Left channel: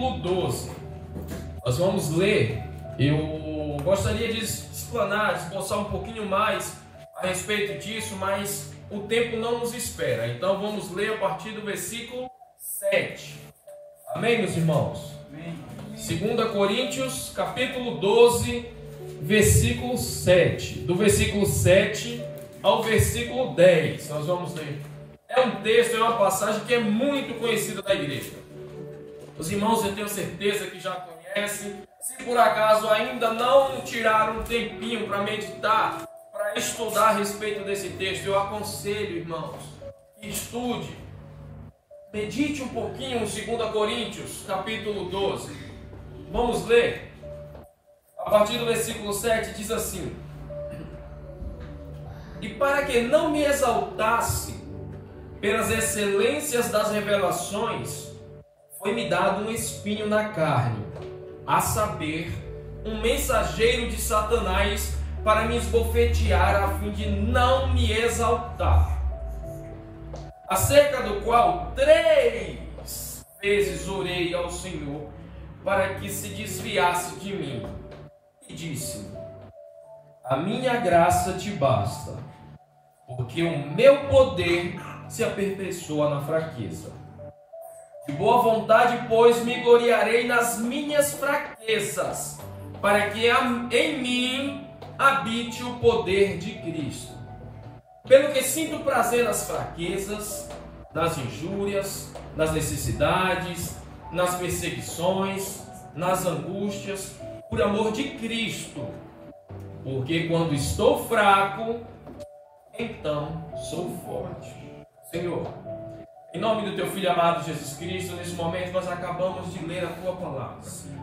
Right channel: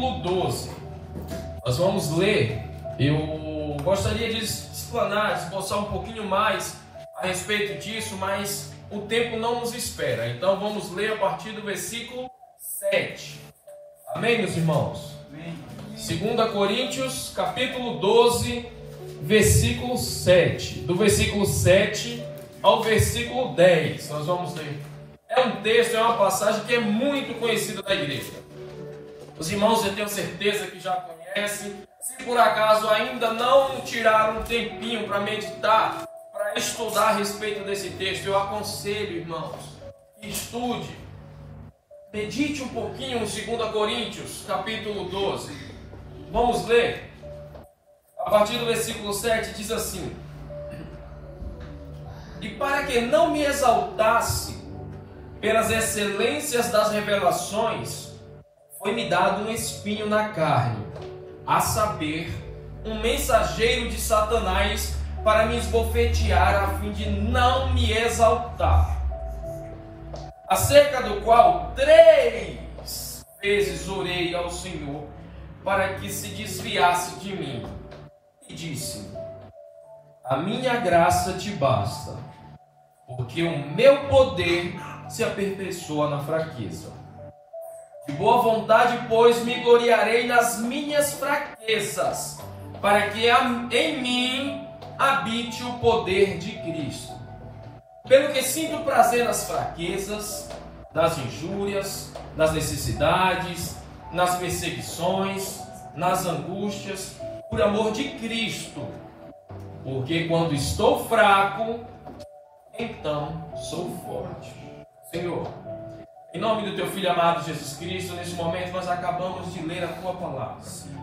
capítulo 12. Nós vamos ler. Eu gostaria de explanar, de esboçar um pouquinho mais a respeito disso, mas o tempo não nos espera. Então vamos ler a partir do versículo 7. Amém, meus irmãos? Amém. 2 Coríntios, capítulo 12, versículo 7. Do versículo 7 ao versículo 10, nós vamos ler. É um texto, é uma passagem que é muito conhecida da igreja. Os irmãos, eu tenho certeza que já conhecem. Se por acaso ainda não tiraram um tempinho para meditar, para estudar a respeito desse texto, eu aconselho, irmãos, que estude. Medite um pouquinho em 2 Coríntios, capítulo 12. Vamos ler. A partir do versículo 7 diz assim: E para que não me exaltasse pelas excelências das revelações, foi-me dado um espinho na carne, a saber, um mensageiro de Satanás para me esbofetear a fim de não me exaltar. Acerca do qual 3 vezes orei ao Senhor para que se desviasse de mim. E disse: A minha graça te basta, porque o meu poder se aperfeiçoa na fraqueza. De boa vontade, pois, me gloriarei nas minhas fraquezas, para que em mim habite o poder de Cristo. Pelo que sinto prazer nas fraquezas, nas injúrias, nas necessidades, nas perseguições, nas angústias, por amor de Cristo. Porque quando estou fraco, então sou forte. Senhor, em nome do Teu Filho amado Jesus Cristo, nesse momento nós acabamos de ler a Tua palavra.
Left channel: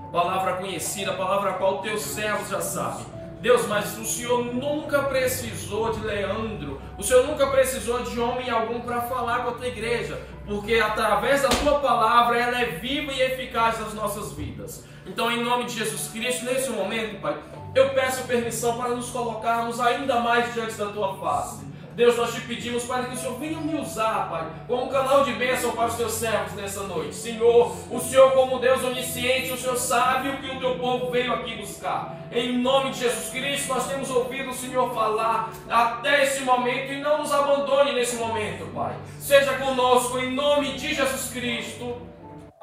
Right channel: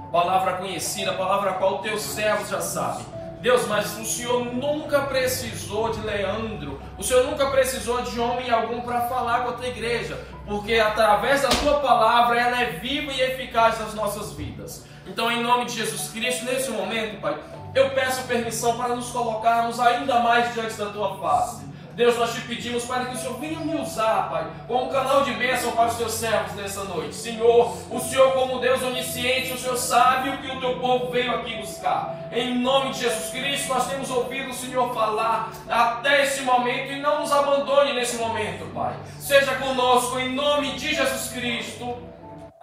Palavra conhecida, palavra a qual o Teu servo já sabe. Deus, mas o Senhor nunca precisou de Leandro, o Senhor nunca precisou de homem algum para falar com a Tua igreja, porque através da Tua palavra ela é viva e eficaz nas nossas vidas. Então, em nome de Jesus Cristo, nesse momento, Pai, eu peço permissão para nos colocarmos ainda mais diante da Tua face. Deus, nós te pedimos para que o Senhor venha me usar, Pai, como canal de bênção para os Teus servos nessa noite. Senhor, o Senhor como Deus onisciente, o Senhor sabe o que o Teu povo veio aqui buscar. Em nome de Jesus Cristo, nós temos ouvido o Senhor falar até esse momento e não nos abandone nesse momento, Pai. Seja conosco em nome de Jesus Cristo.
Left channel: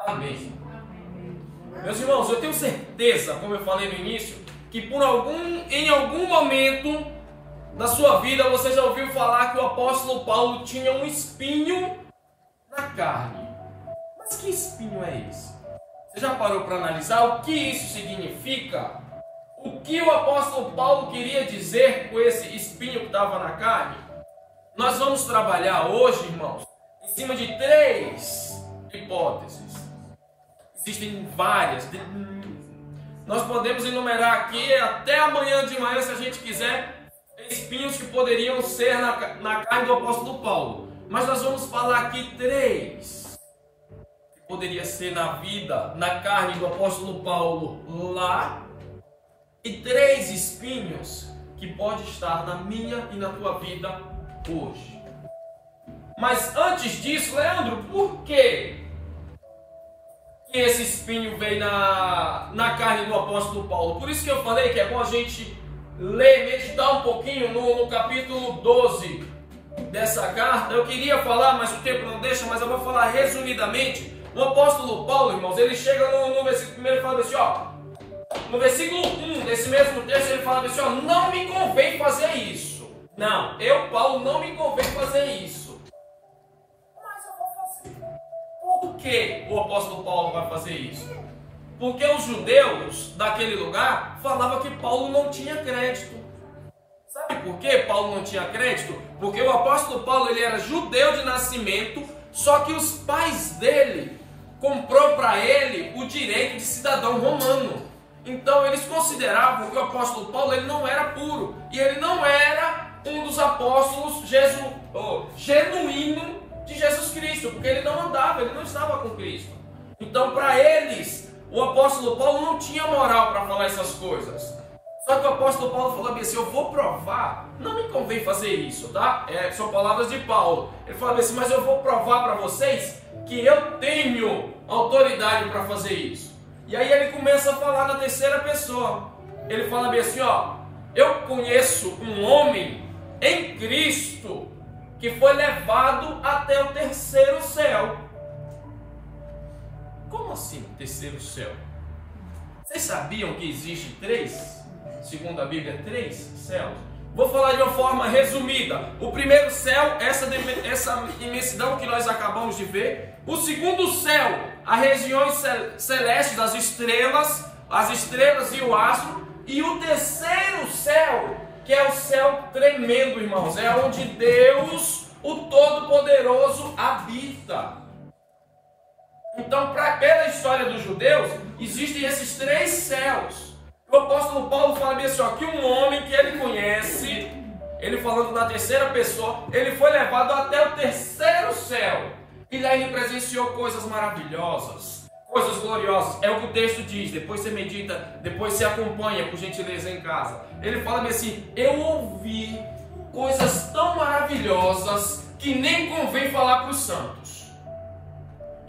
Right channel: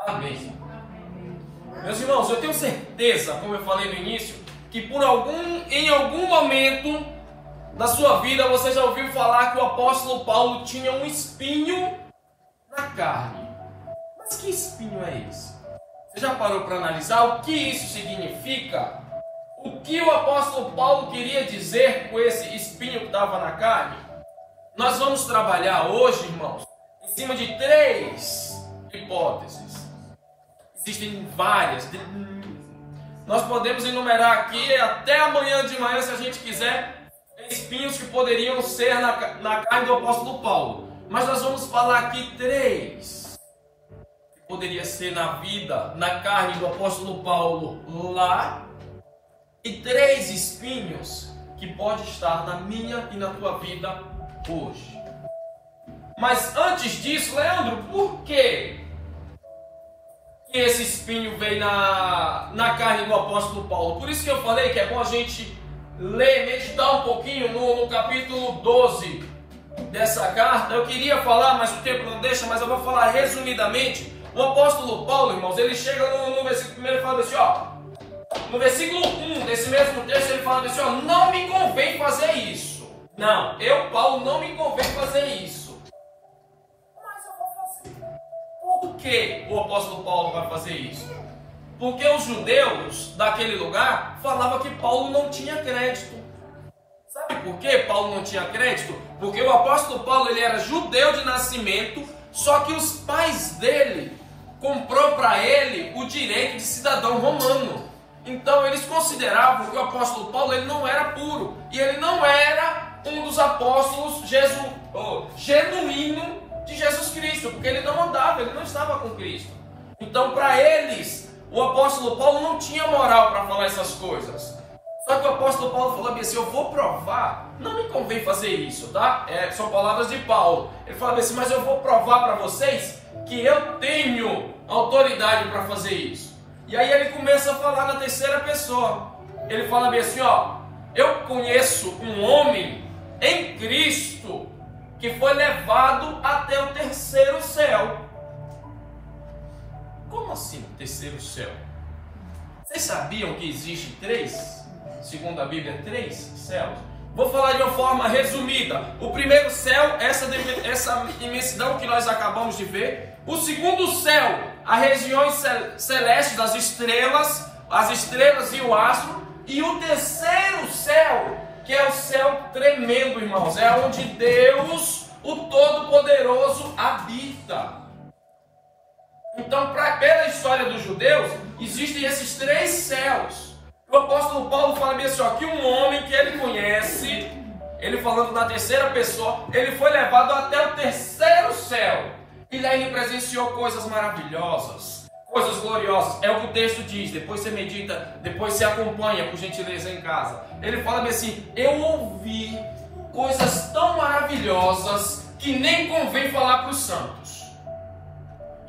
Amém. Meus irmãos, eu tenho certeza, como eu falei no início, que em algum momento da sua vida você já ouviu falar que o apóstolo Paulo tinha um espinho na carne. Mas que espinho é esse? Você já parou para analisar o que isso significa? O que o apóstolo Paulo queria dizer com esse espinho que estava na carne? Nós vamos trabalhar hoje, irmãos, em cima de 3 hipóteses. Existem várias. Nós podemos enumerar aqui até amanhã de manhã, se a gente quiser, espinhos que poderiam ser na carne do apóstolo Paulo. Mas nós vamos falar aqui 3 que poderia ser na vida, na carne do apóstolo Paulo lá, e 3 espinhos que pode estar na minha e na tua vida hoje. Mas antes disso, Leandro, por que esse espinho veio na carne do apóstolo Paulo? Por isso que eu falei que é bom a gente ler, meditar um pouquinho no capítulo 12 dessa carta. Eu queria falar, mas o tempo não deixa, mas eu vou falar resumidamente. O apóstolo Paulo, irmãos, ele chega no versículo 1 e fala assim, ó, no versículo 1 desse mesmo texto, ele fala assim, ó, não me convém fazer isso. Não, Paulo, não me convém fazer isso. Mas eu vou fazer. Por que o apóstolo Paulo vai fazer isso? Porque os judeus daquele lugar falavam que Paulo não tinha crédito. Sabe por que Paulo não tinha crédito? Porque o apóstolo Paulo ele era judeu de nascimento, só que os pais dele comprou para ele o direito de cidadão romano. Então eles consideravam que o apóstolo Paulo ele não era puro e ele não era um dos apóstolos genuíno de Jesus Cristo, porque ele não andava, ele não estava com Cristo. Então para eles o apóstolo Paulo não tinha moral para falar essas coisas. Só que o apóstolo Paulo falou assim, eu vou provar, não me convém fazer isso, tá? São palavras de Paulo. Ele falou assim, mas eu vou provar para vocês que eu tenho autoridade para fazer isso. E aí ele começa a falar da terceira pessoa. Ele fala bem assim, ó, eu conheço um homem em Cristo que foi levado até o terceiro céu. Como assim o terceiro céu? Vocês sabiam que existe três? Segundo a Bíblia, três céus? Vou falar de uma forma resumida. O primeiro céu, essa imensidão que nós acabamos de ver. O segundo céu, as regiões celestes das estrelas, as estrelas e o astro. E o terceiro céu, que é o céu tremendo, irmãos. É onde Deus, o Todo-Poderoso, habita. Então, pela história dos judeus, existem esses três céus. O apóstolo Paulo fala bem assim, ó, que um homem que ele conhece, ele falando na terceira pessoa, ele foi levado até o terceiro céu. E lá ele presenciou coisas maravilhosas, coisas gloriosas. É o que o texto diz. Depois você medita, depois você acompanha, por gentileza, em casa. Ele fala bem assim, eu ouvi coisas tão maravilhosas que nem convém falar para os santos.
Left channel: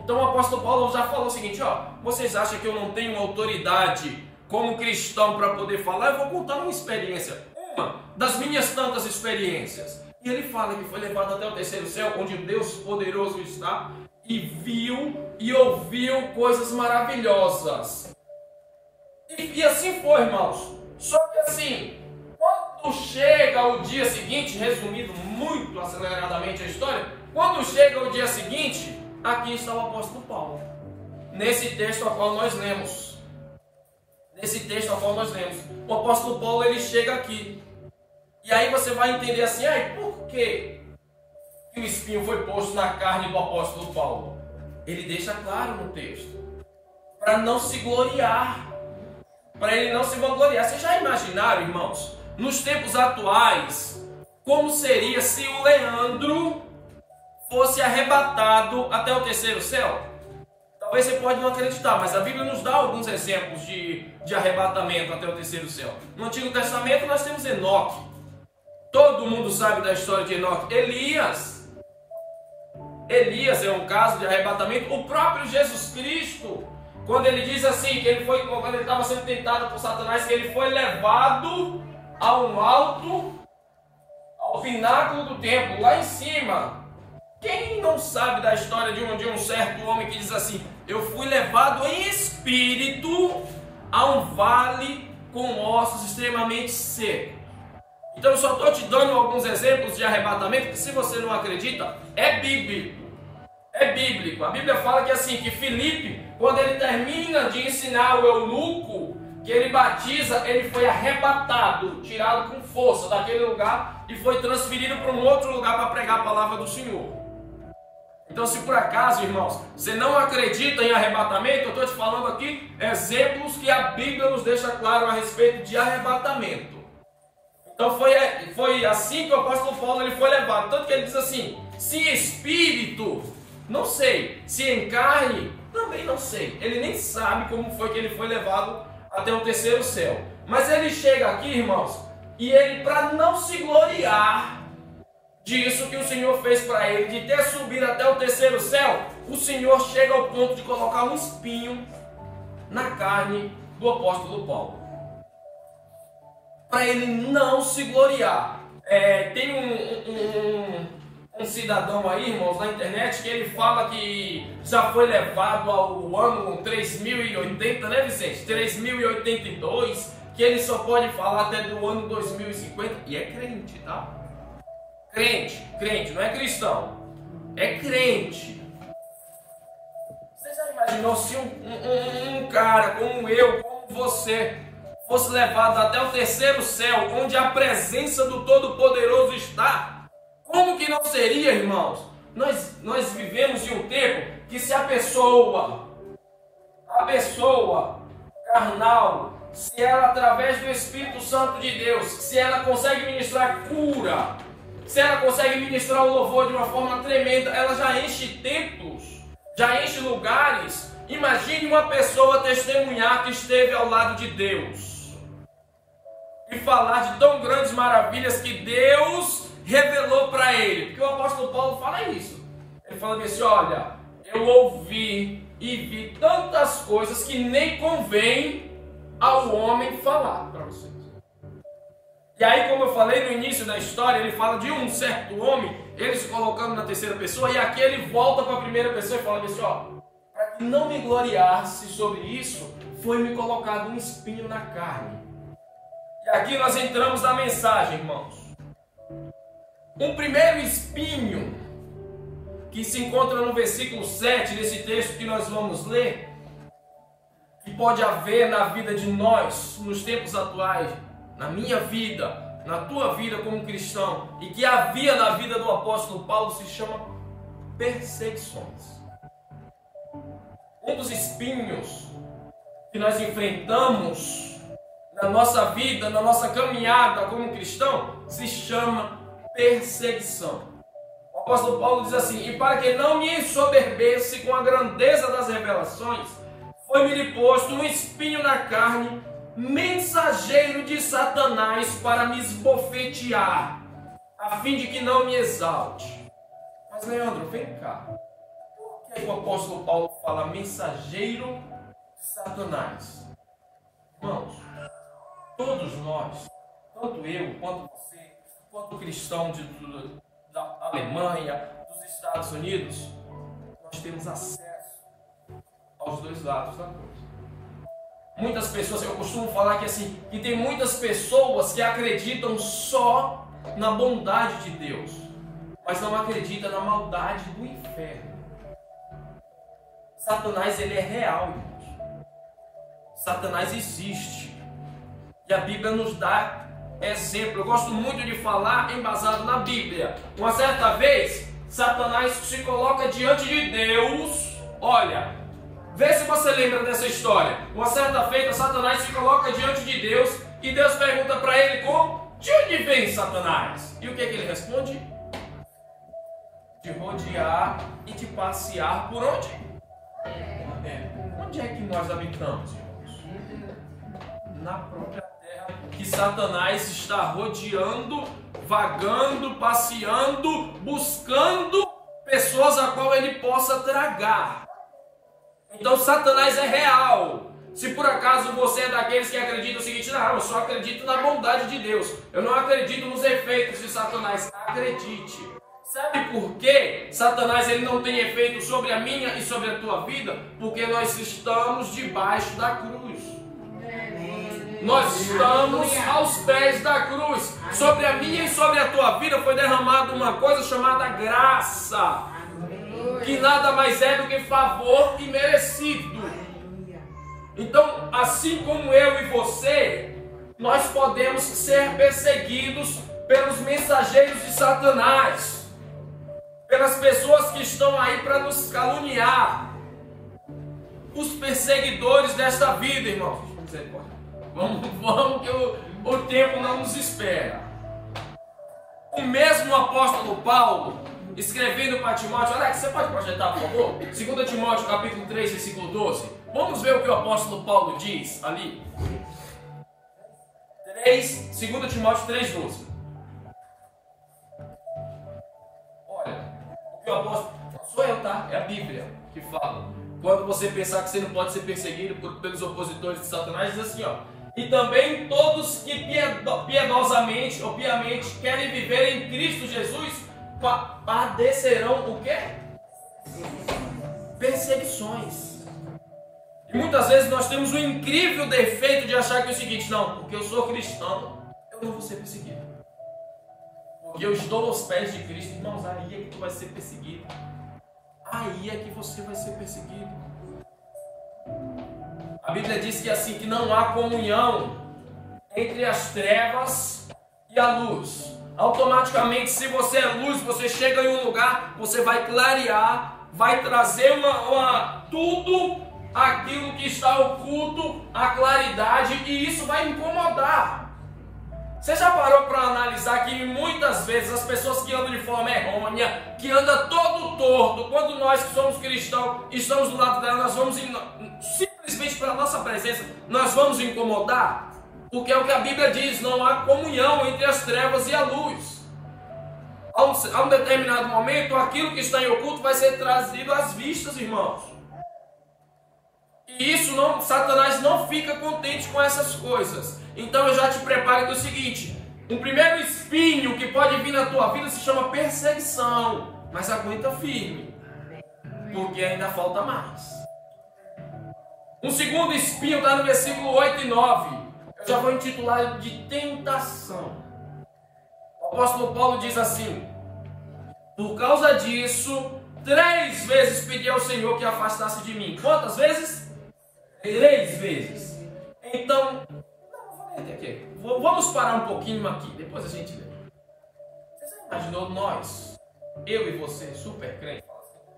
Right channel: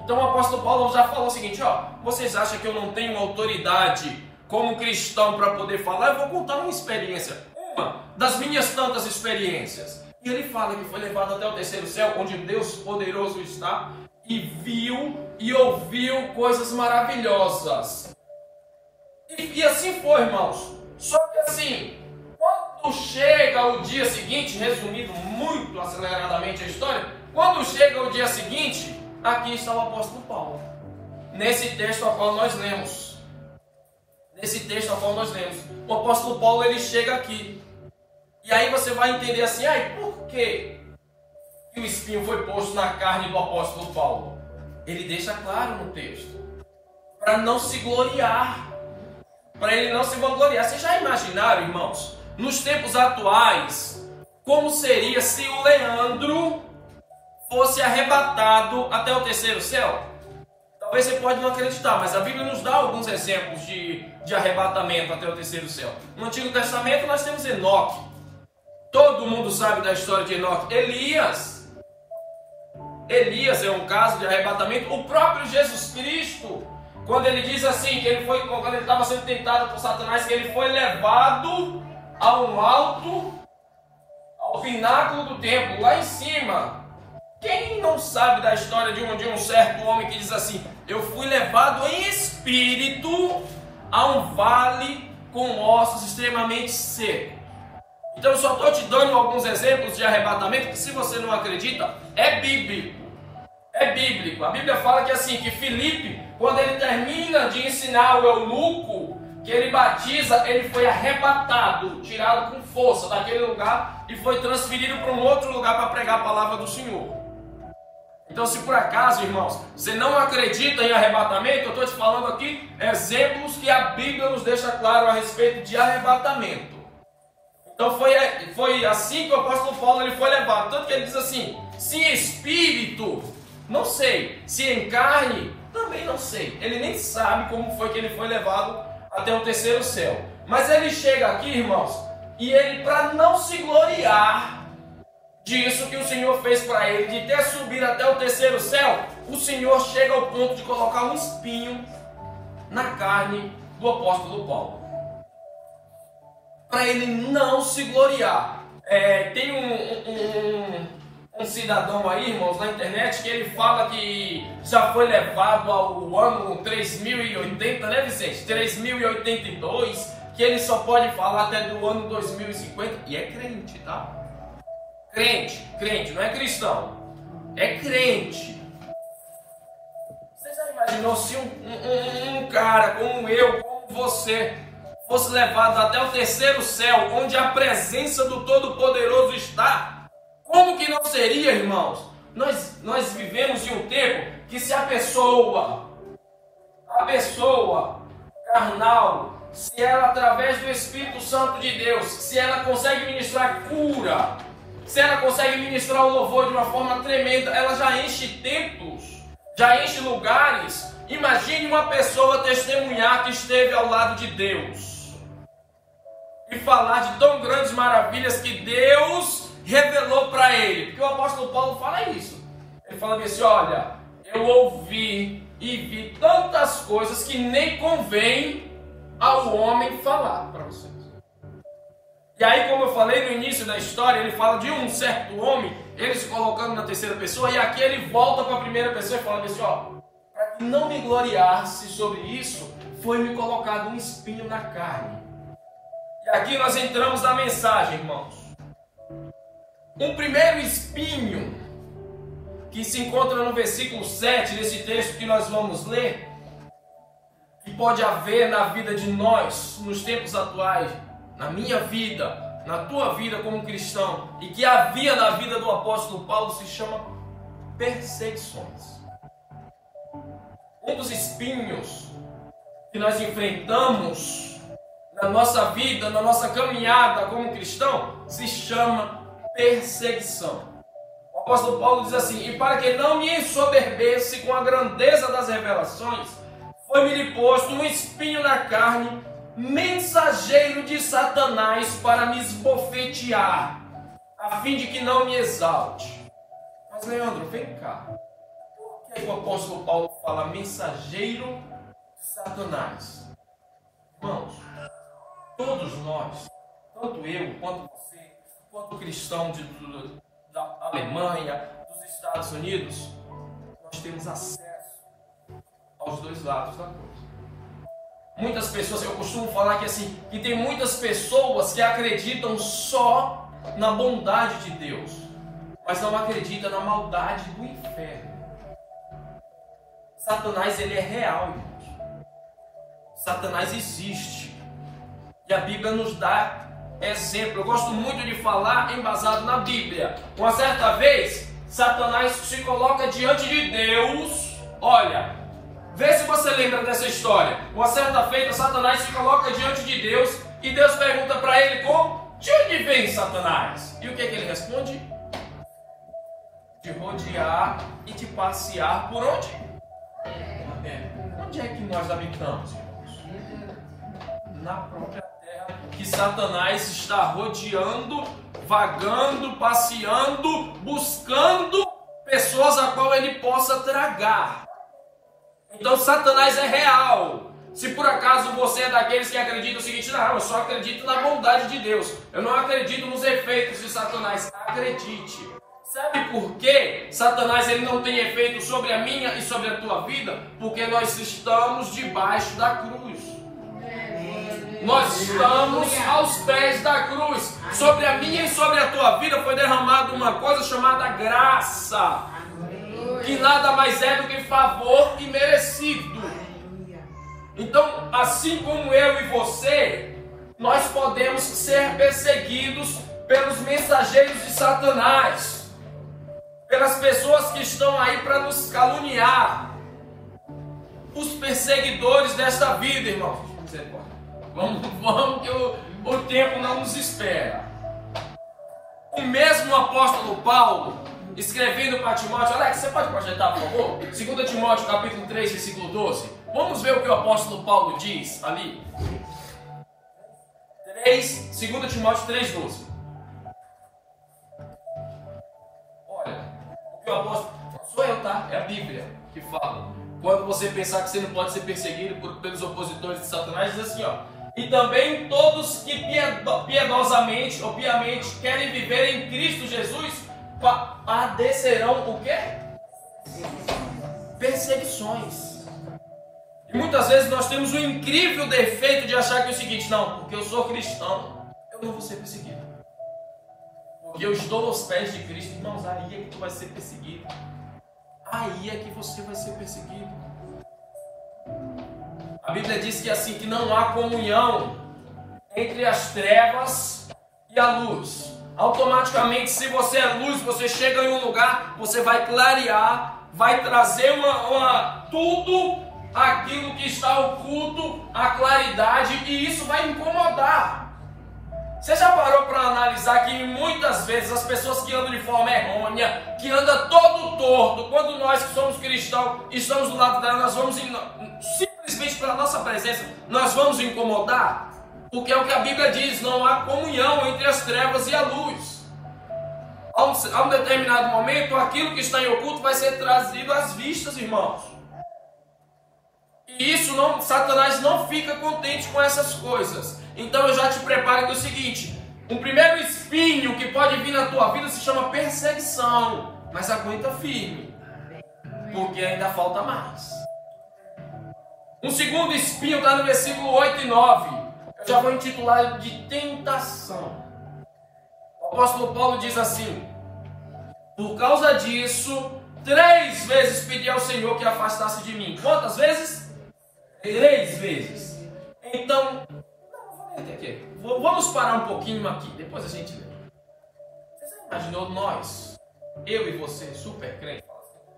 Então o apóstolo Paulo já falou o seguinte, ó, vocês acham que eu não tenho autoridade como cristão para poder falar? Eu vou contar uma experiência, uma das minhas tantas experiências. E ele fala que foi levado até o terceiro céu, onde Deus poderoso está, e viu e ouviu coisas maravilhosas. E assim foi, irmãos. Só que assim, quando chega o dia seguinte, resumindo muito aceleradamente a história, quando chega o dia seguinte, aqui está o apóstolo Paulo. Nesse texto ao qual nós lemos. O apóstolo Paulo, ele chega aqui. E aí você vai entender assim, por que o espinho foi posto na carne do apóstolo Paulo? Ele deixa claro no texto. Para não se gloriar. Para ele não se vangloriar. Vocês já imaginaram, irmãos, nos tempos atuais, como seria se o Leandro fosse arrebatado até o terceiro céu? Talvez você pode não acreditar, mas a Bíblia nos dá alguns exemplos de arrebatamento até o terceiro céu. No Antigo Testamento nós temos Enoque. Todo mundo sabe da história de Enoque. Elias é um caso de arrebatamento. O próprio Jesus Cristo, quando ele diz assim, quando ele estava sendo tentado por Satanás, que ele foi levado ao alto, ao pináculo do templo, lá em cima. Quem não sabe da história de um certo homem que diz assim, eu fui levado em espírito a um vale com ossos extremamente secos. Então eu só estou te dando alguns exemplos de arrebatamento, que se você não acredita, é bíblico. É bíblico. A Bíblia fala que assim, que Filipe, quando ele termina de ensinar o eunuco, que ele batiza, ele foi arrebatado, tirado com força daquele lugar e foi transferido para um outro lugar para pregar a palavra do Senhor. Então, se por acaso, irmãos, você não acredita em arrebatamento, eu estou te falando aqui exemplos que a Bíblia nos deixa claro a respeito de arrebatamento. Então, foi assim que o apóstolo Paulo ele foi levado. Tanto que ele diz assim, se em espírito, não sei. Se em carne, também não sei. Ele nem sabe como foi que ele foi levado até o terceiro céu. Mas ele chega aqui, irmãos, e ele, para não se gloriar disso que o Senhor fez para ele, de ter subido até o terceiro céu, o Senhor chega ao ponto de colocar um espinho na carne do apóstolo Paulo, para ele não se gloriar. Tem um cidadão aí, irmãos, na internet, que ele fala que já foi levado ao ano 3080, né, Vicente? 3082, que ele só pode falar até do ano 2050, e é crente, tá? Crente, não é cristão, é crente. Você já imaginou se um cara como eu, como você, fosse levado até o terceiro céu, onde a presença do Todo-Poderoso está? Como que não seria, irmãos? Nós vivemos em um tempo que se a pessoa carnal, se ela através do Espírito Santo de Deus, se ela consegue ministrar cura, se ela consegue ministrar o louvor de uma forma tremenda, ela já enche templos, já enche lugares. Imagine uma pessoa testemunhar que esteve ao lado de Deus e falar de tão grandes maravilhas que Deus revelou para ele. Porque o apóstolo Paulo fala isso. Ele fala assim, olha, eu ouvi e vi tantas coisas que nem convém ao homem falar para vocês. E aí, como eu falei no início da história, ele fala de um certo homem, ele se colocando na terceira pessoa, e aqui ele volta para a primeira pessoa e fala assim, ó, para que não me gloriasse sobre isso, foi-me colocado um espinho na carne. E aqui nós entramos na mensagem, irmãos. Um primeiro espinho, que se encontra no versículo 7 desse texto que nós vamos ler, que pode haver na vida de nós, nos tempos atuais, na minha vida, na tua vida como cristão, e que havia na vida do apóstolo Paulo, se chama perseguições. Um dos espinhos que nós enfrentamos na nossa vida, na nossa caminhada como cristão, se chama perseguição. O apóstolo Paulo diz assim: e para que não me ensoberbesse com a grandeza das revelações, foi-me posto um espinho na carne, mensageiro de Satanás para me esbofetear, a fim de que não me exalte. Mas Leandro, vem cá. Por que o apóstolo Paulo fala mensageiro de Satanás? Irmãos, todos nós, tanto eu quanto você, quanto cristão da Alemanha, dos Estados Unidos, nós temos acesso aos dois lados da coisa. Muitas pessoas, eu costumo falar que assim, que tem muitas pessoas que acreditam só na bondade de Deus, mas não acreditam na maldade do inferno. Satanás, ele é real, irmãos. Satanás existe. E a Bíblia nos dá exemplo. Eu gosto muito de falar embasado na Bíblia. Uma certa vez, Satanás se coloca diante de Deus. Olha, vê se você lembra dessa história. Uma certa feita, Satanás se coloca diante de Deus e Deus pergunta para ele como: de onde vem Satanás? E o que é que ele responde? De rodear e de passear por onde? Onde é que nós habitamos, irmãos? Na própria terra que Satanás está rodeando, vagando, passeando, buscando pessoas a qual ele possa tragar. Então Satanás é real. Se por acaso você é daqueles que acreditam o seguinte: não, eu só acredito na bondade de Deus, eu não acredito nos efeitos de Satanás. Acredite. Sabe por que Satanás ele não tem efeito sobre a minha e sobre a tua vida? Porque nós estamos debaixo da cruz. Nós estamos aos pés da cruz. Sobre a minha e sobre a tua vida foi derramada uma coisa chamada graça, que nada mais é do que favor imerecido. Então, assim como eu e você, nós podemos ser perseguidos pelos mensageiros de Satanás, pelas pessoas que estão aí para nos caluniar, os perseguidores desta vida, irmãos. Vamos que o tempo não nos espera. O mesmo apóstolo Paulo, escrevendo para Timóteo, Alex, você pode projetar, por favor? 2 Timóteo, capítulo 3, versículo 12. Vamos ver o que o apóstolo Paulo diz ali. 2 Timóteo 3, 12. Olha, o que o apóstolo... Sou eu, tá? É a Bíblia que fala. Quando você pensar que você não pode ser perseguido pelos opositores de Satanás, diz assim, ó: e também todos que piedosamente ou piamente querem viver em Cristo Jesus padecerão o quê? Perseguições. E muitas vezes nós temos o incrível defeito de achar que é o seguinte: não, porque eu sou cristão, eu não vou ser perseguido. Porque eu estou aos pés de Cristo. Irmãos, aí é que tu vai ser perseguido. Aí é que você vai ser perseguido. A Bíblia diz que assim, que não há comunhão entre as trevas e a luz. Automaticamente, se você é luz, você chega em um lugar, você vai clarear, vai trazer tudo aquilo que está oculto, a claridade, e isso vai incomodar. Você já parou para analisar que muitas vezes as pessoas que andam de forma errônea, que andam todo torto, quando nós que somos cristãos estamos do lado dela, nós vamos simplesmente pela nossa presença, nós vamos incomodar? Porque é o que a Bíblia diz: não há comunhão entre as trevas e a luz. A um determinado momento, aquilo que está em oculto vai ser trazido às vistas, irmãos. E isso não, Satanás não fica contente com essas coisas. Então eu já te preparo do seguinte: o primeiro espinho que pode vir na tua vida se chama perseguição. Mas aguenta firme, porque ainda falta mais. Um segundo espinho está no versículo 8 e 9. Eu já vou intitular de tentação. O apóstolo Paulo diz assim: por causa disso, 3 vezes pedi ao Senhor que afastasse de mim. Quantas vezes? 3 vezes. Então, vamos parar um pouquinho aqui, depois a gente lê. Você imaginou nós, eu e você, super crente,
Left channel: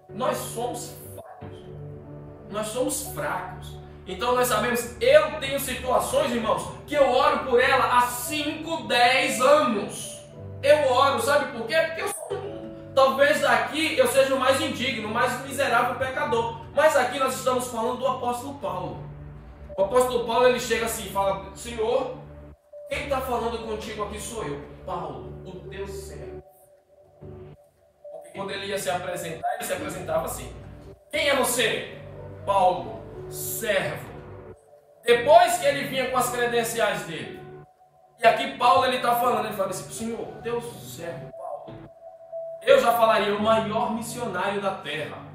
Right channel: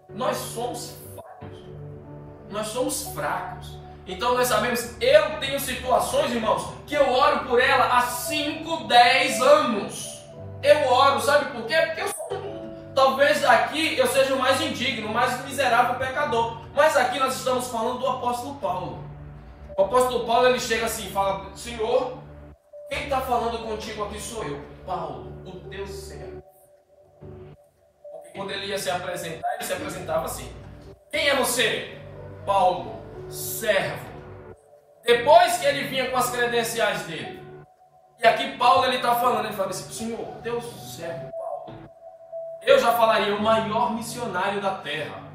nós somos fracos. Nós somos fracos. Então nós sabemos, eu tenho situações, irmãos, que eu oro por ela há 5, 10 anos. Eu oro, sabe por quê? Porque eu sou, talvez daqui eu seja o mais indigno, o mais miserável pecador. Mas aqui nós estamos falando do apóstolo Paulo. O apóstolo Paulo, ele chega assim e fala: Senhor, quem está falando contigo aqui sou eu, Paulo, o teu servo. Porque quando ele ia se apresentar, ele se apresentava assim: quem é você? Paulo, servo. Depois que ele vinha com as credenciais dele. E aqui Paulo, ele está falando, ele fala assim: Senhor, teu servo, Paulo. Eu já falaria o maior missionário da terra.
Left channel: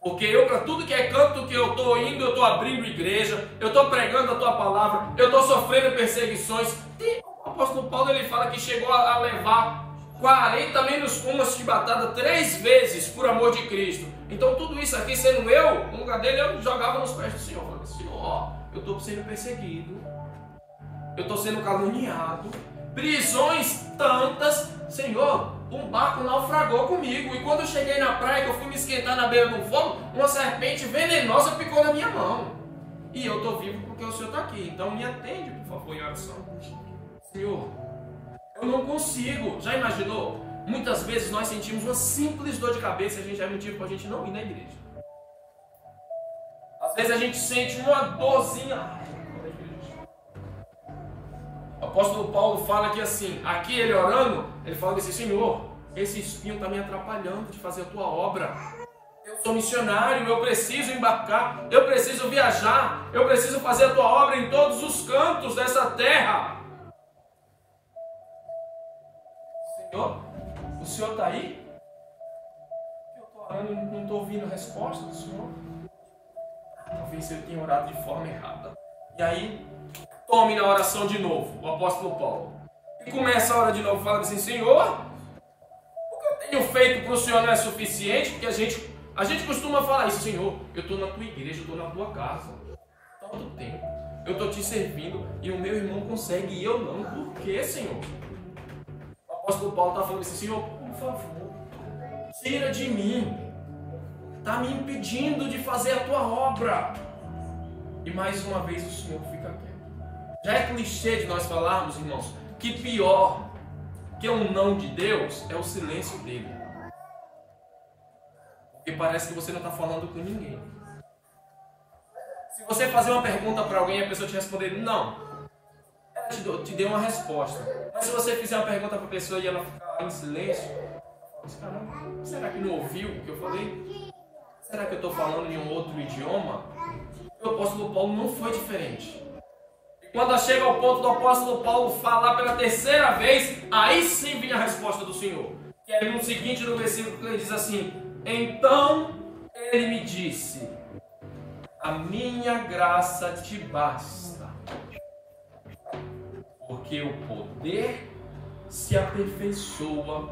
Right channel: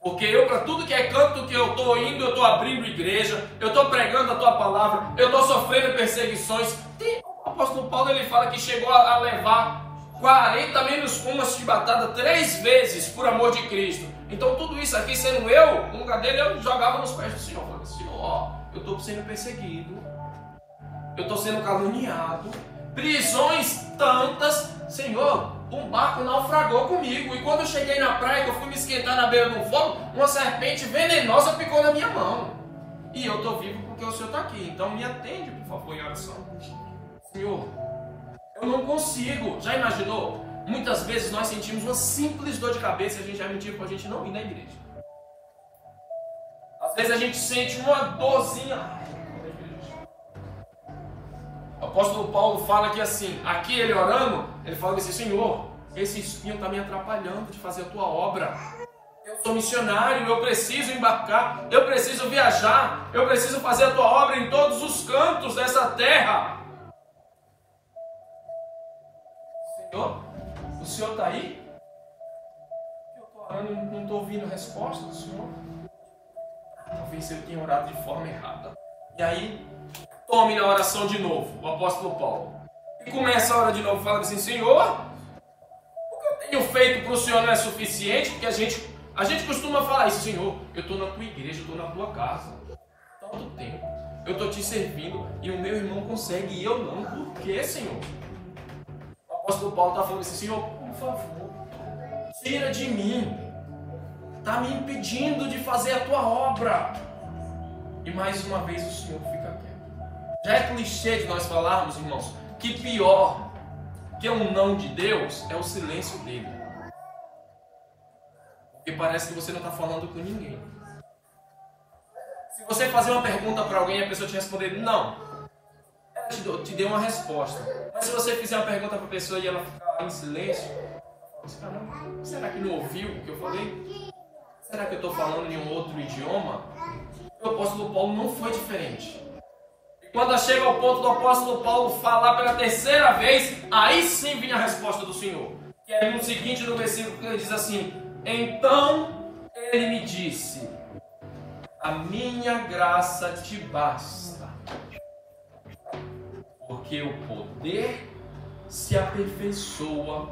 Porque eu, para tudo que é canto que eu estou indo, eu estou abrindo igreja, eu estou pregando a tua palavra, eu estou sofrendo perseguições. E o apóstolo Paulo, ele fala que chegou a levar 40 menos uma chibatada 3 vezes por amor de Cristo. Então tudo isso aqui, sendo eu, no lugar dele, eu jogava nos pés do Senhor. Falava: Senhor, eu estou sendo perseguido, eu estou sendo caluniado, prisões tantas. Senhor, um barco naufragou comigo, e quando eu cheguei na praia, que eu fui me esquentar na beira do fogo, uma serpente venenosa picou na minha mão. E eu estou vivo porque o Senhor está aqui. Então me atende, por favor, em oração. Senhor, eu não consigo. Já imaginou? Muitas vezes nós sentimos uma simples dor de cabeça e a gente já mentiu para a gente não ir na igreja. Às vezes a gente sente uma dorzinha. O apóstolo Paulo fala que assim, aqui ele orando, ele fala assim: Senhor, esse espinho está me atrapalhando de fazer a tua obra. Eu sou missionário, eu preciso embarcar, eu preciso viajar, eu preciso fazer a tua obra em todos os cantos dessa terra. Senhor, o Senhor está aí? Eu estou orando e não estou ouvindo a resposta do Senhor. Talvez eu tenha orado de forma errada. E aí, tome na oração de novo, o apóstolo Paulo. E começa a orar de novo, fala assim: Senhor, o que eu tenho feito para o Senhor não é suficiente? Porque a gente costuma falar isso: Senhor, eu estou na tua igreja, eu estou na tua casa. Tanto tempo, eu estou te servindo e o meu irmão consegue e eu não. Por que, Senhor? O apóstolo Paulo está falando assim: Senhor, por favor, tira de mim. Está me impedindo de fazer a tua obra. E mais uma vez o Senhor fica quieto. Já é clichê de nós falarmos, irmãos, que pior que um não de Deus é o silêncio dele. Porque parece que você não está falando com ninguém. Se você fazer uma pergunta para alguém e a pessoa te responder não, ela te deu uma resposta. Mas se você fizer uma pergunta para a pessoa e ela ficar em silêncio, caramba, será que não ouviu o que eu falei? Será que eu estou falando em um outro idioma? O apóstolo Paulo não foi diferente. Quando chega ao ponto do apóstolo Paulo falar pela 3ª vez, aí sim vinha a resposta do Senhor. Que é no seguinte, no versículo, ele diz assim: então ele me disse: a minha graça te basta, porque o poder se aperfeiçoa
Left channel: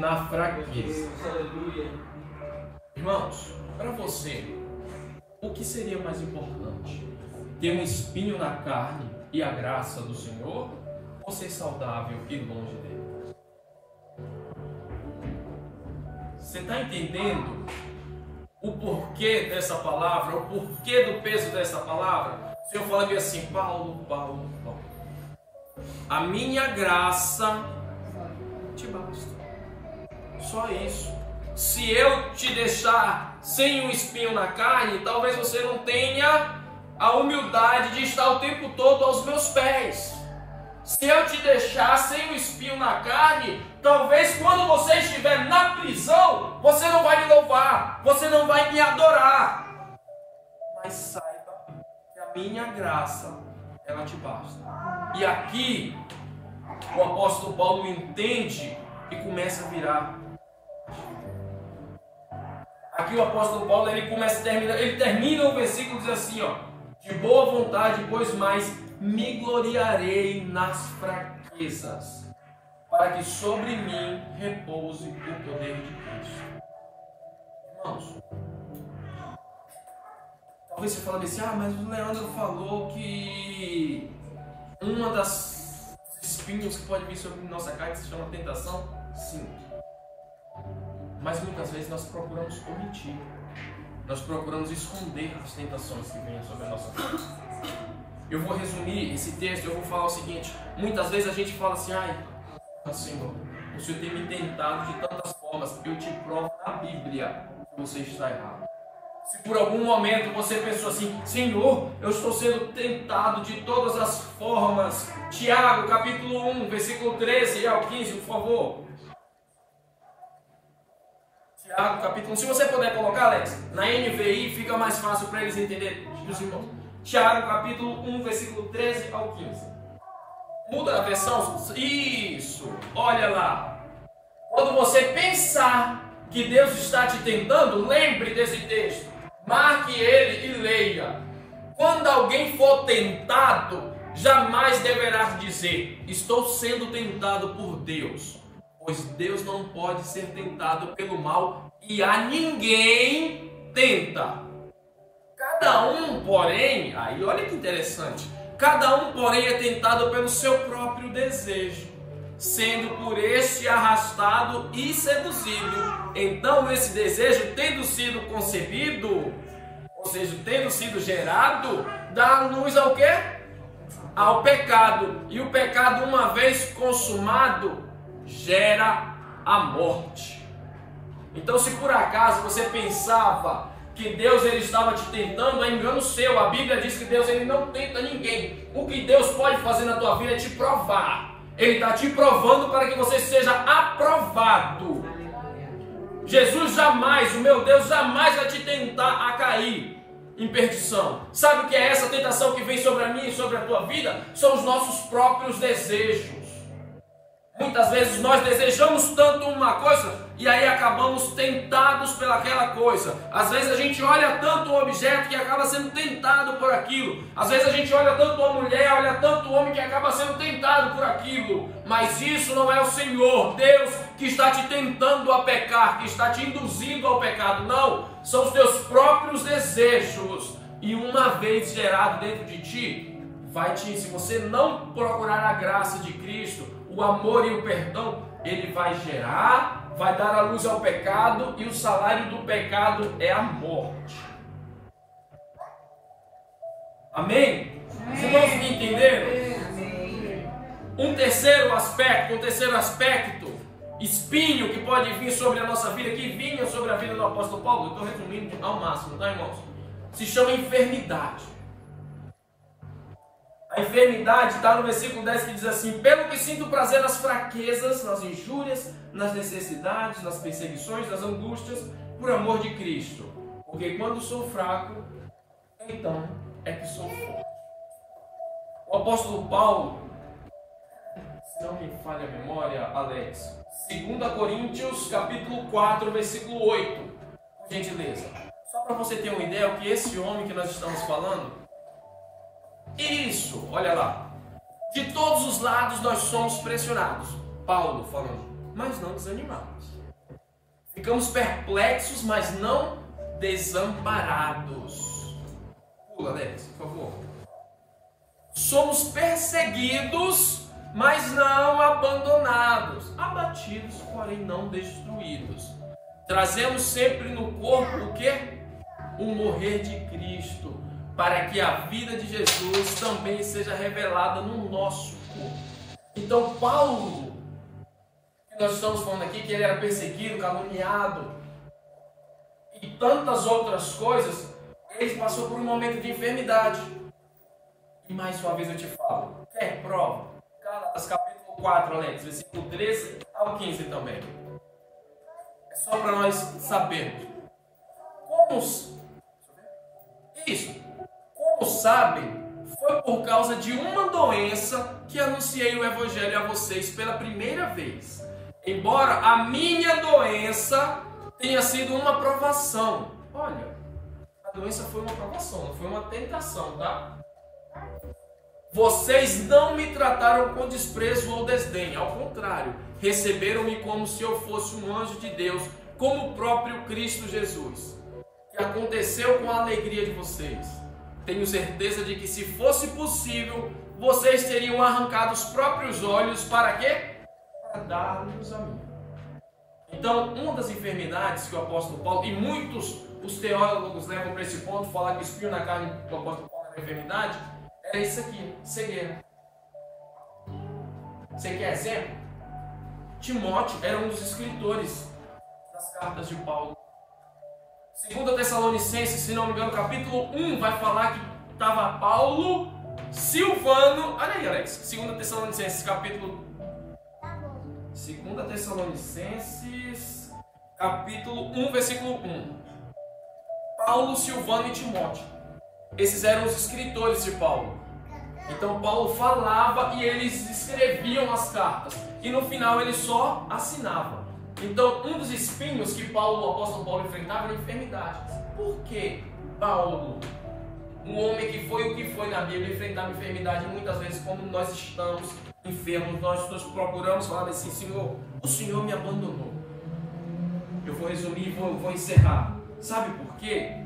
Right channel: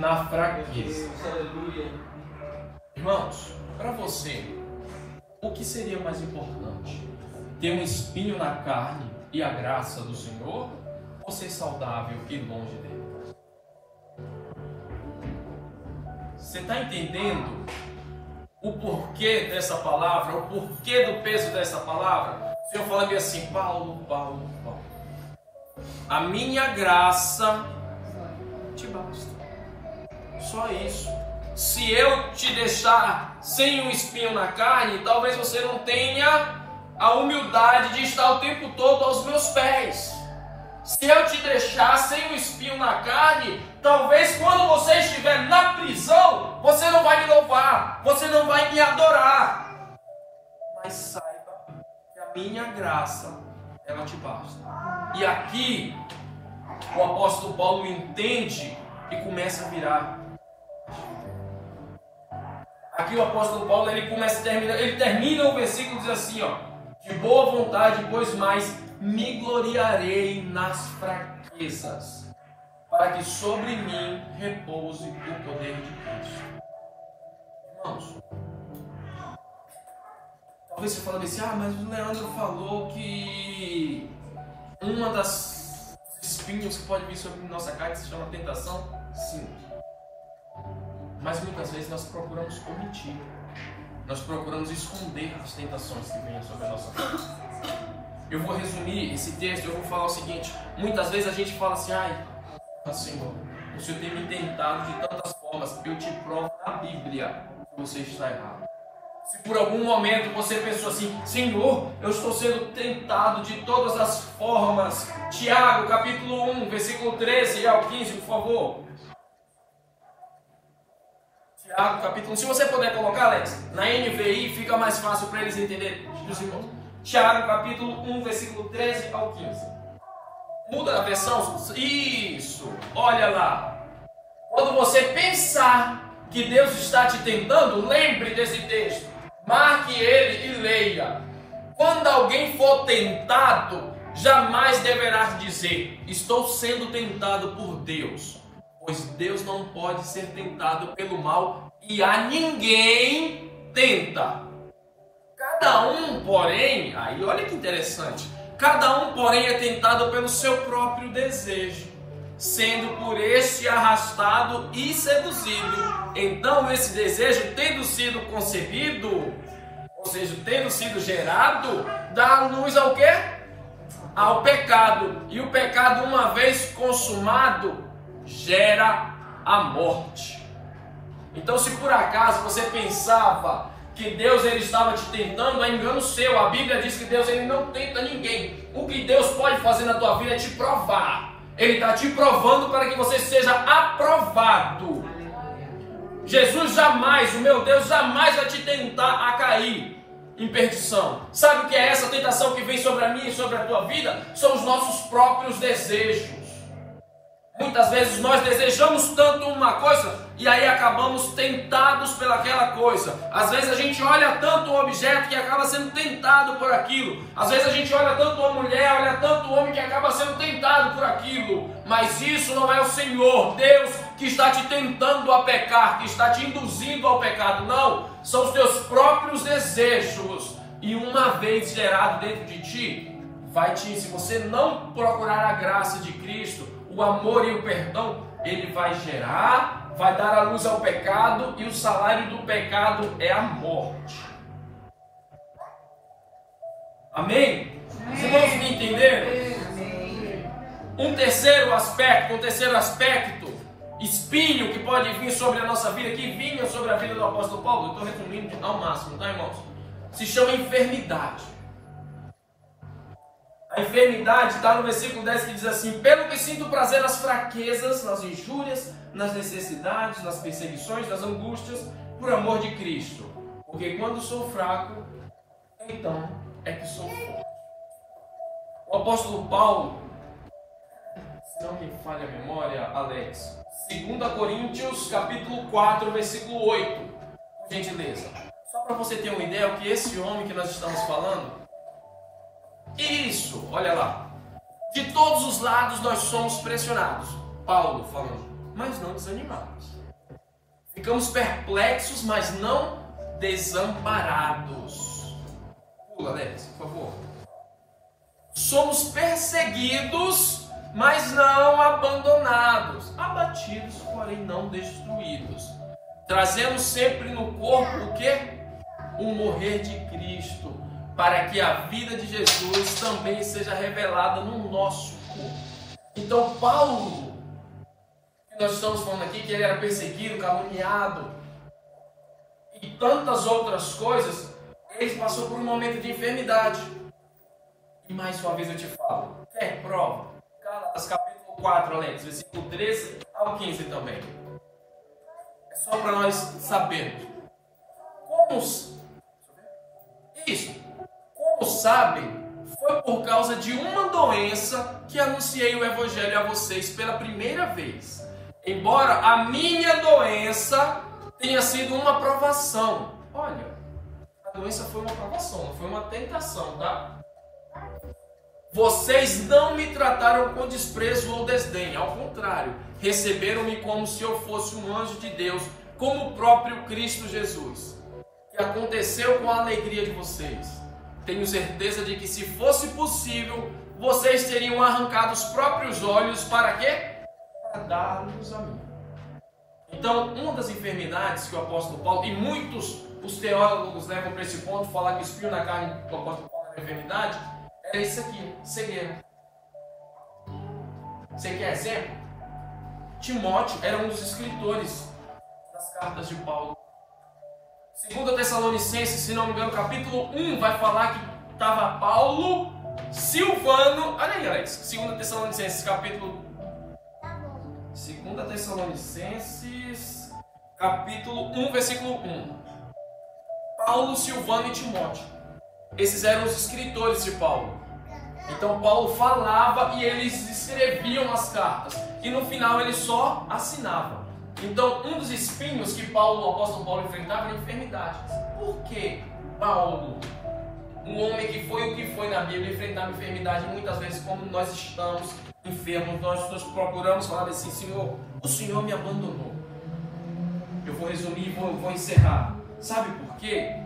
na fraqueza. Irmãos, para você, o que seria mais importante? Ter um espinho na carne e a graça do Senhor? Ou ser saudável e longe dele? Você está entendendo o porquê dessa palavra? O porquê do peso dessa palavra? O Senhor fala que assim: Paulo, a minha graça te basta. Só isso. Se eu te deixar sem um espinho na carne, talvez você não tenha a humildade de estar o tempo todo aos meus pés. Se eu te deixar sem um espinho na carne, talvez quando graça, ela te basta. E aqui, o apóstolo Paulo entende e começa a virar. Aqui o apóstolo Paulo, ele termina o versículo diz assim, ó: de boa vontade, pois mais me gloriarei nas fraquezas, para que sobre mim repouse o poder de Cristo. Irmãos, talvez você fale assim, mas o Leandro falou que uma das espinhos que pode vir sobre nossa carne se chama tentação. Sim. Mas muitas vezes nós procuramos omitir, nós procuramos esconder as tentações que vêm sobre a nossa vida. Eu vou resumir esse texto, eu vou falar o seguinte: muitas vezes a gente fala assim, Senhor, o Senhor tem me tentado de tantas formas, eu te provo na Bíblia que você está errado. Se por algum momento você pensou assim, Senhor, eu estou sendo tentado de todas as formas. Tiago, capítulo 1, versículo 13 ao 15, por favor. Tiago, capítulo 1. Se você puder colocar, Alex, na NVI fica mais fácil para eles entenderem. Tiago, capítulo 1, versículo 13 ao 15. Muda a versão? Isso. Olha lá. Quando você pensar que Deus está te tentando, lembre desse texto. Marque ele e leia. Quando alguém for tentado, jamais deverá dizer, estou sendo tentado por Deus. Pois Deus não pode ser tentado pelo mal e a ninguém tenta. Cada um, porém, aí olha que interessante, cada um, porém, é tentado pelo seu próprio desejo, sendo por este arrastado e seduzido. Então esse desejo, tendo sido concebido, ou seja, tendo sido gerado, dá luz ao quê? Ao pecado. E o pecado, uma vez consumado, gera a morte. Então, se por acaso você pensava que Deus ele estava te tentando, é engano seu. A Bíblia diz que Deus ele não tenta ninguém. O que Deus pode fazer na tua vida é te provar. Ele está te provando para que você seja aprovado. Jesus jamais, o meu Deus, jamais vai te tentar a cair em perdição. Sabe o que é essa tentação que vem sobre a minha e sobre a tua vida? São os nossos próprios desejos. Muitas vezes nós desejamos tanto uma coisa e aí acabamos tentados pelaquela coisa. Às vezes a gente olha tanto um objeto que acaba sendo tentado por aquilo. Às vezes a gente olha tanto uma mulher, olha tanto um homem que acaba sendo tentado por aquilo. Mas isso não é o Senhor, Deus, que está te tentando a pecar, que está te induzindo ao pecado. Não, são os teus próprios desejos. E uma vez gerado dentro de ti, se você não procurar a graça de Cristo, o amor e o perdão, ele vai gerar, vai dar a luz ao pecado, e o salário do pecado é a morte. Amém? Os irmãos me entenderam? Um terceiro aspecto, espinho que pode vir sobre a nossa vida, que vinha sobre a vida do apóstolo Paulo, eu estou resumindo ao máximo, tá, irmãos? Se chama enfermidade. A enfermidade está no versículo 10 que diz assim: pelo que sinto prazer nas fraquezas, nas injúrias, nas necessidades, nas perseguições, nas angústias, por amor de Cristo. Porque quando sou fraco, então é que sou forte. O apóstolo Paulo, se não me falha a memória, Alex, 2 Coríntios, capítulo 4, versículo 8, por gentileza. Só para você ter uma ideia, o que esse homem que nós estamos falando... Isso, olha lá. De todos os lados nós somos pressionados. Paulo falando, mas não desanimados. Ficamos perplexos, mas não desamparados. Pula, Alex, por favor. Somos perseguidos, mas não abandonados. Abatidos, porém não destruídos. Trazemos sempre no corpo o quê? O morrer de Cristo, para que a vida de Jesus também seja revelada no nosso corpo. Então Paulo, que nós estamos falando aqui, que ele era perseguido, caluniado e tantas outras coisas, ele passou por um momento de enfermidade. E mais uma vez eu te falo, quer prova? Gálatas capítulo 4, Alex, versículo 13 ao 15 também. É só para nós sabermos. Como sabem, foi por causa de uma doença que anunciei o Evangelho a vocês pela primeira vez. Embora a minha doença tenha sido uma provação. Olha, a doença foi uma provação, não foi uma tentação, tá? Vocês não me trataram com desprezo ou desdém, ao contrário, receberam-me como se eu fosse um anjo de Deus, como o próprio Cristo Jesus. O que aconteceu com a alegria de vocês? Tenho certeza de que, se fosse possível, vocês teriam arrancado os próprios olhos para quê? Para dar-nos a mim. Então, uma das enfermidades que o apóstolo Paulo, e muitos os teólogos levam para esse ponto, falar que o espinho na carne do apóstolo Paulo era enfermidade, era isso aqui, cegueira. Você quer exemplo? Timóteo era um dos escritores das cartas de Paulo. 2 Tessalonicenses, se não me engano, capítulo 1, vai falar que estava Paulo, Silvano. Olha aí, Alex. 2 Tessalonicenses, capítulo 2 Tessalonicenses, capítulo 1, versículo 1. Paulo, Silvano e Timóteo. Esses eram os escritores de Paulo. Então Paulo falava e eles escreviam as cartas. E no final ele só assinava. Então um dos espinhos que o apóstolo Paulo enfrentava era a enfermidade. Por que Paulo, um homem que foi o que foi na Bíblia, enfrentava enfermidade muitas vezes como nós estamos enfermos? Nós procuramos falar assim: Senhor, o Senhor me abandonou. Eu vou resumir e vou encerrar. Sabe por quê?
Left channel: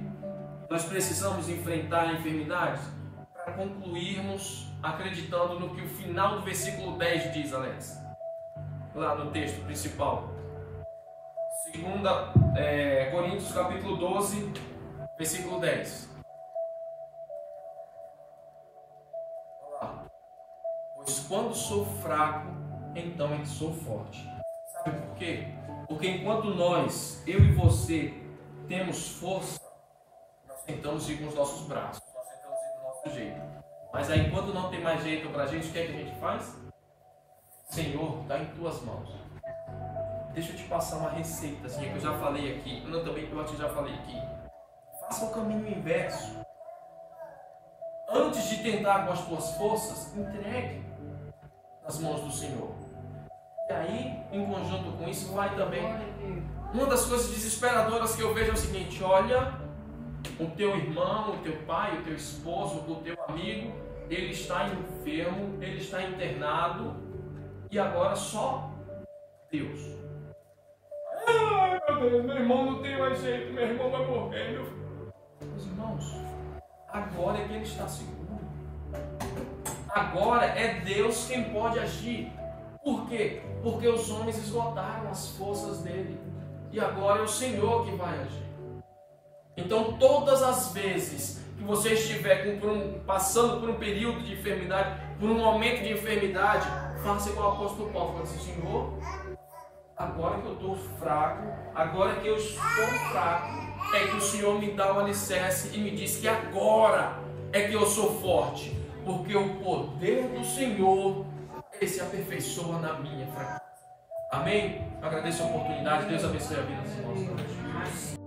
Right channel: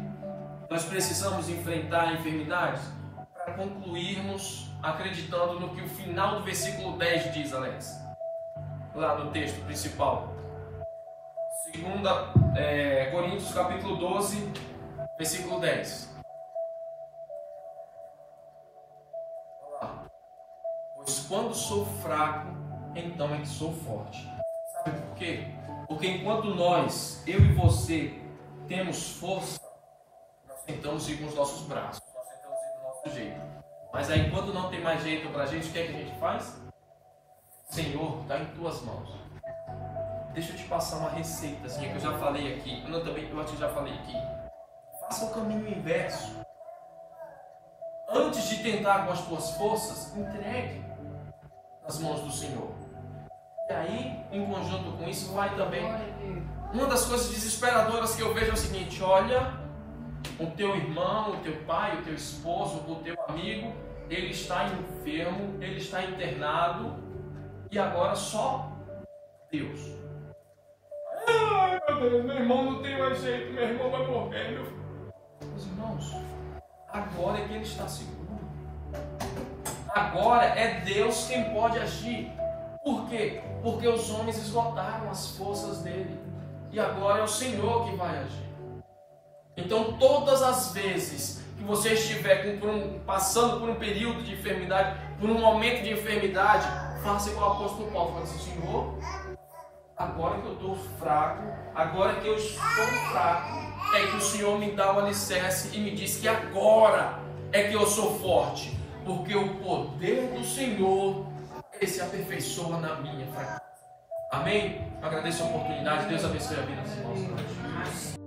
Nós precisamos enfrentar enfermidades para concluirmos acreditando no que o final do versículo 10 diz, Alex. Lá no texto principal. 2 Coríntios capítulo 12, versículo 10. Olha lá. Pois quando sou fraco, então é que sou forte. Sabe por quê? Porque enquanto nós, eu e você, temos força, nós tentamos ir com os nossos braços, nós tentamos ir do nosso jeito. Mas aí, quando não tem mais jeito pra gente, o que é que a gente faz? Senhor, está em tuas mãos. Deixa eu te passar uma receita, assim, que eu já falei aqui. Não, também que eu já falei aqui. Faça o caminho inverso. Antes de tentar com as tuas forças, entregue nas mãos do Senhor. E aí, em conjunto com isso, vai também. Uma das coisas desesperadoras que eu vejo é o seguinte: olha, o teu irmão, o teu pai, o teu esposo, o teu amigo, ele está enfermo, ele está internado, e agora só Deus. Ai, meu Deus, meu irmão não tem mais jeito, meu irmão vai morrer. Meus irmãos, agora é que ele está seguro. Agora é Deus quem pode agir. Por quê? Porque os homens esgotaram as forças dele. E agora é o Senhor que vai agir. Então, todas as vezes que você estiver passando por um período de enfermidade, por um momento de enfermidade, faça igual o apóstolo Paulo. Fala assim: Senhor, agora que eu estou fraco, agora que eu estou fraco, é que o Senhor me dá o alicerce e me diz que agora é que eu sou forte. Porque o poder do Senhor, ele se aperfeiçoa na minha fraqueza. Amém? Eu agradeço a oportunidade. Deus abençoe a vida dos irmãos.